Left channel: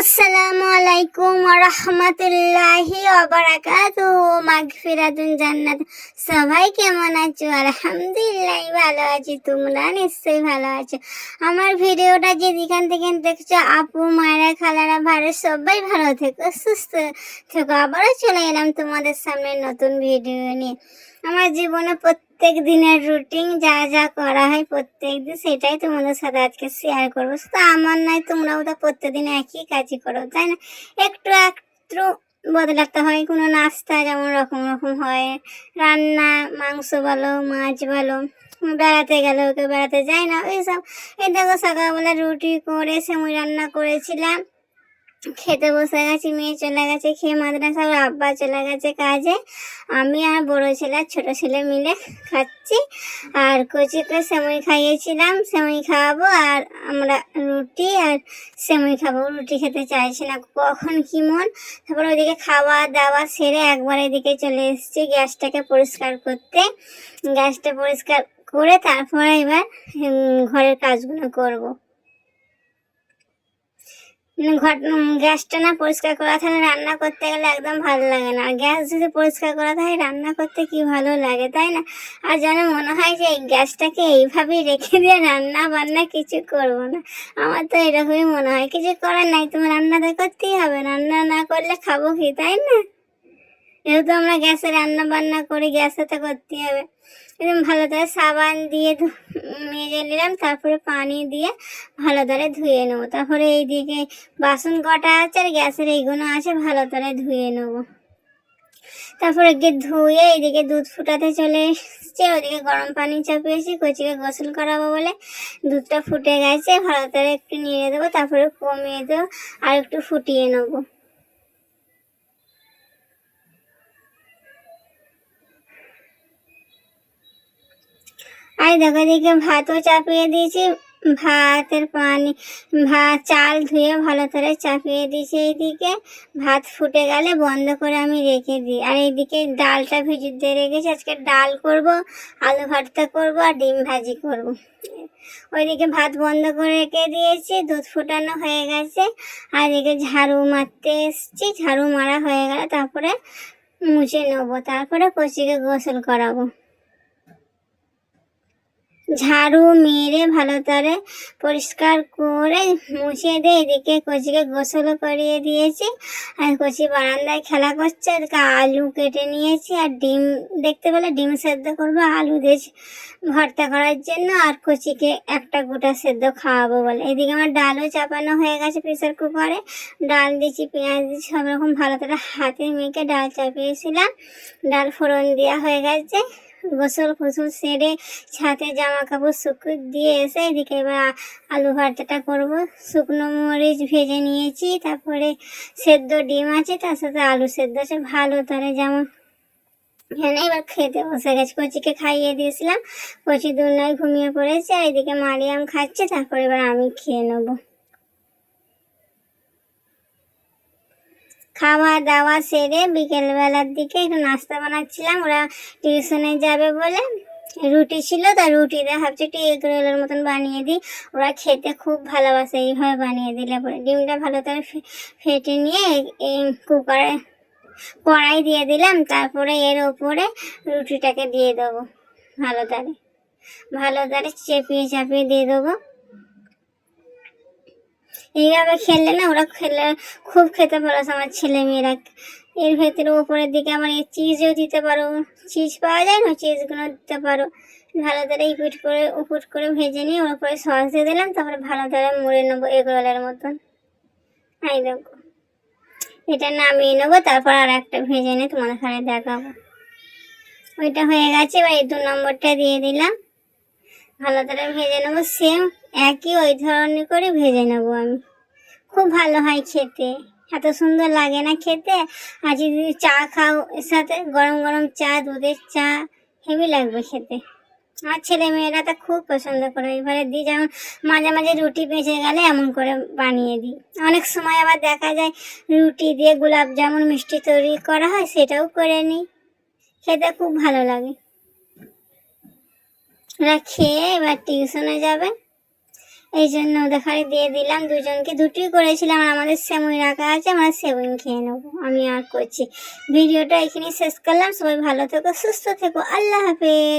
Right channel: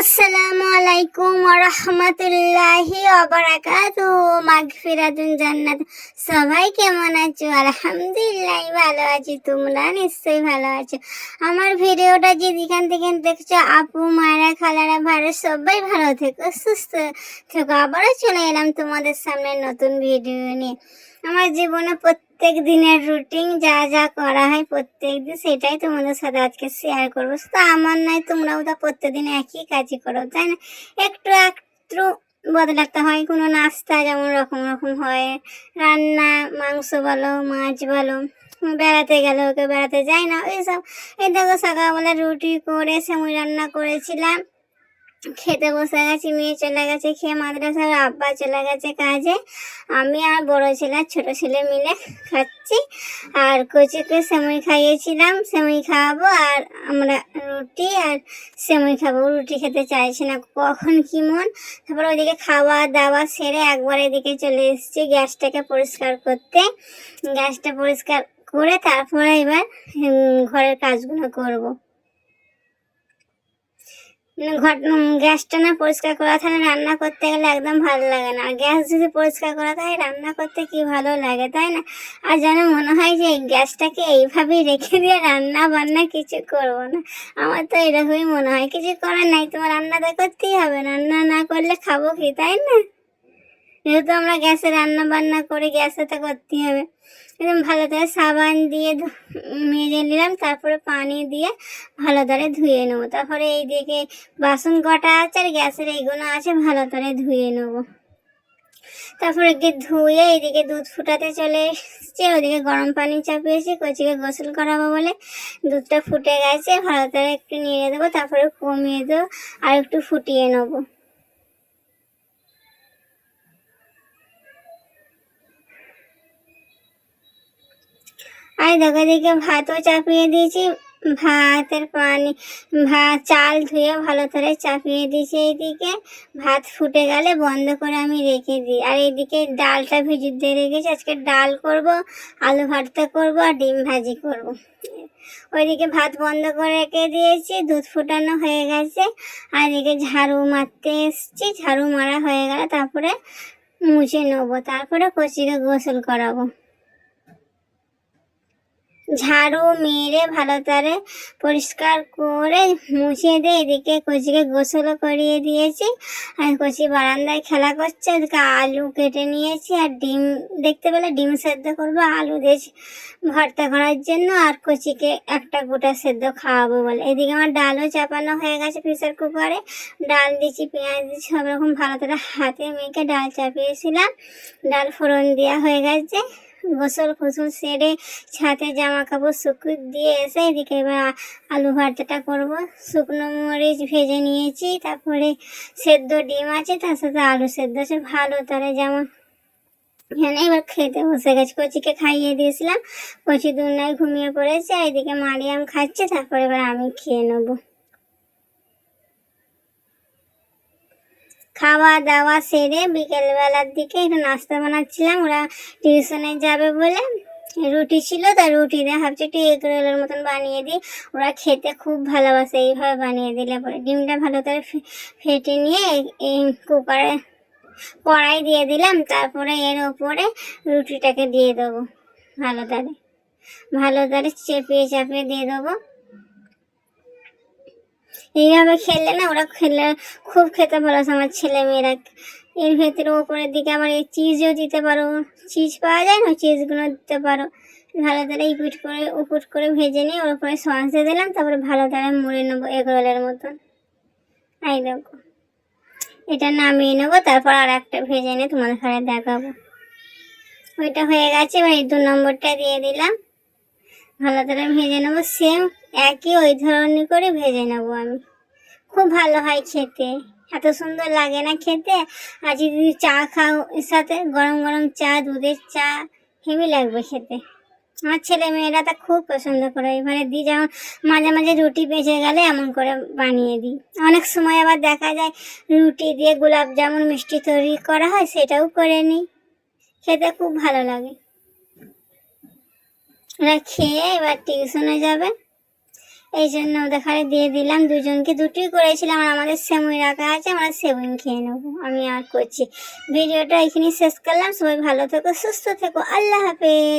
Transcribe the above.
আসসালামু আলাইকুম ওয়া রাহমাতুল্লাহি ওয়া বারাকাতুহু। মাগফিরাতুন জান্নাত। সবাই কেমন আছো? আলহামদুলিল্লাহ ভালো আছি, তোমরা নিশ্চয়ই ভালো আছো। আমার ভিডিওটা যেখান থেকে দেখছো, আপু মায়েরা খালারা ভাইরা সবাই ভালো থেকো, সুস্থ থেকো। আবারও চলে এলাম তোমাদের সামনে নতুন ভিডিও নিয়ে। আমার জীবনে প্রত্যেক দিনের রুটিন যা যা করা হয় প্রত্যেক দিন, সেটাই তোমাদের সাথে আজকে শেয়ার করবো। তো আমার নয়, তোমরাও তো প্রত্যেকদিন একই কাজই করো, তাই না? একটু একটু বদলাতে হয়। কোনো নাস্তা যেমন রকম রকম হয়, রান্না মাংস বলো মাছ বলো, বেড়াতে গেলেও কেউ বেড়াতে যায় না, ওইসব। এই দেখো সকালবেলা রুটি করে সেমই রান্না করেছিলাম, খেতে বসে গেছি। মেয়ে চলে গেছে খেয়ে মাদ্রাসার, আব্বা চলে গেছে কাজে। আমি আর বড় ছেলে আর ছোট ছেলে মিলে খাচ্ছি। আর কচিকে সেমই খাইয়েছিলাম, সেমই খাওয়াবো। আর আমরা রুটি আর সেমই খাবো। রুটি খেতে চাইছি না, কখন কি মন। তারপর ওইদিকে খাওয়া দাওয়া সেরে একবার এদিকে চলে এসেছি গ্যাসটাকে পরিষ্কার করতে। গ্যাসটা পরিষ্কার করে তারপরে এবার ঘরের কাজগুলো করবো। গ্যাসটা না পরিষ্কার করা থাকে, রান্না করতে গেলে একদম ভালো লাগে না। আর গ্যাস যদি পরিষ্কার করা থাকে, রান্না করতে কি ভালো লাগে, তাই না? আর যেন মনে হয় যে এই গ্যাসটাকে এইভাবেই রেখে দিয়ে রান্না বান্না কিছু করব না। আমার তো এরকমই মনে হয়, কিছু করার নাই, তোমার রান্নাটা করতেই হবে। রান্না না করলে খাবো কি, তাই না? যেহেতু আমরা গ্যাসে রান্না বান্না করি, গ্যাসে তো করতেই হবে। একদম ভালো করে সাবান দিয়ে মেজে নিলাম, তারপরে পানি দিয়ে ভালো করে ধুয়ে নেবো। তারপরে এইদিকে বাসন কটা আছে আর গ্যাসের এইগুলো আছে, ভালো করে ধুয়ে নেবো। তারপরে গিয়ে ধুয়ে এইদিকে দুধ ফুটাতে চলে এসছে। ওইদিকে গরম পানি চাপিয়েছি কচিকে গোসল করাবো বলে। দুধটা ফুটে গেছে, ভালো করে একটু নিয়ে দেবো, তারপরে কমিয়ে দেবো আর একটু ফুটিয়ে নেবো। আর দেখো দিকে ভাতও চাপিয়ে দিয়েছি। ভাতের পানি, ভাত চাল ধুয়ে ভালো করে চাপিয়ে দিয়েছি। এইদিকে ভাত ফুটে গেলে বন্ধ করে আমি রেখে দিই। আর এইদিকে ডালটা ভিজিয়ে রেখেছি। আজকে ডাল করব, আলু ভর্তা করব আর ডিম ভাজি করব। ওইদিকে ভাত বন্ধ করে রেখে দিয়েছি, দুধ ফোটানো হয়ে গেছে। আর এদিকে ঝাড়ু মারতে এসছি, ঝাড়ু মারা হয়ে গেলে তারপরে মুছে নেবো, তারপরে কচিকে গোসল করাবো। ঝাড়ু মেরে ভালো করে পরিষ্কার করে মুছে দিয়ে এদিকে কচিকে গোসলও করিয়ে দিয়েছি। আর কচি বারান্দায় খেলা করছে। এদিকে আলু কেটে নিয়েছি আর ডিম, দেখতে পেলে ডিম সেদ্ধ করবো আলু দিয়ে ভর্তা করার জন্য। আর কচিকে একটা গোটা সেদ্ধ খাওয়াবো বলে। এদিকে আমার ডালও চাপানো হয়ে গেছে প্রেসার কুকারে। ডাল দিয়েছি, পেঁয়াজ দিয়েছি, সব রকম ভালো করে হাতে মেখে ডাল চাপিয়েছিলাম। ডাল ফোড়ন দেওয়া হয়ে গেছে। গোসল ফসল সেরে ছাদে জামা কাপড় শুকিয়ে দিয়ে এসে এদিকে এবার আলু ভর্তাটা করবো। শুকনো মরিচ ভেজে নিয়েছি, তারপরে সেদ্ধ ডিম আছে, তার সাথে আলু সেদ্ধ আছে, ভালো করে যেমন এখানে এবার খেতে বসে গেছি। কচিকে খাইয়ে দিয়েছিলাম, কচি দুনিয়ায় ঘুমিয়ে পড়েছে। এদিকে মারিয়াম খাচ্ছে, তারপরে এবার আমি খেয়ে নেবো। খাওয়া দাওয়া সেরে বিকেলবেলার দিকে একটু নাস্তা বানাচ্ছিলাম। ওরা টিউশনে যাবে বলে রুটি ছিল, তা রুটিটা ভাবছি একটু এগ রোলের মতন বানিয়ে দিই। ওরা খেতে খুব ভালোবাসে, এইভাবে বানিয়ে দিলে পরে। ডিমটা ভালো করে ফেটে নিয়ে কুকারে কড়াই দিয়ে দিলাম, তারপরে এর ওপরে রুটিটাকে দিয়ে দেবো। ভালো করে চেপিয়ে চাপিয়ে দিয়ে দেবো। এইভাবে খেললে না, ওরা খেলে খুব খেতে ভালোবাসে আমার ছেলে মেয়েরা। এর ভেতরে উপরের দিকে আবার এই চিজও দিতে পারো, চিজ পাওয়া যায় না, চিজগুলো দিতে পারো। ভালো করে উপুট করে ভেজে নিয়ে ওর উপরে সস দিয়ে দিলাম, তারপরে ভালো করে মুড়ে নেবো এগ রোলের মতন। এই দেখো, এটা নামিয়ে নেবো, তারপর আর একটা ভেজে নিয়ে তোমাদের সাথে দেখাবো। ওইটা হয়ে গেছে, এবার এই 2 নম্বরটা দিয়ে দিলাম। ভালো করে ভেজে নেবো, সেম একই ওই ধরনের করে ভেজে নেবো আমি। খুব ভালো হয় খেতে, এত সুন্দর লাগে না খেতে। আর যদি চা খাও এর সাথে, গরম গরম চা, দুধের চা, হেভি লাগবে খেতে। আমার ছেলে মেয়েরা তো খুব পছন্দ করে। এবারে দিই যেমন মাঝে মাঝে রুটি বেঁচে গেলে এমন করে বানিয়ে দিই। অনেক সময় আবার দেখা যায় রুটি দিয়ে গোলাপ জামুন মিষ্টি তৈরি করা হয়, সেটাও করে নিই। খেতে খুব ভালো লাগে। ওরা খেয়ে এবার টিউশনে যাবে। এই জন্য দেখারে দিয়ে দিলাম, দুজনকে দুটোই করেছিলাম। আর আমাদের সেমুই রাখা আছে, আমরা সেমুই খেয়ে নেবো। আমি আর করছি ভিডিওটা এখানে শেষ করলাম। সবাই ভালো থেকো, সুস্থ থেকো, আল্লাহ হাফেজ।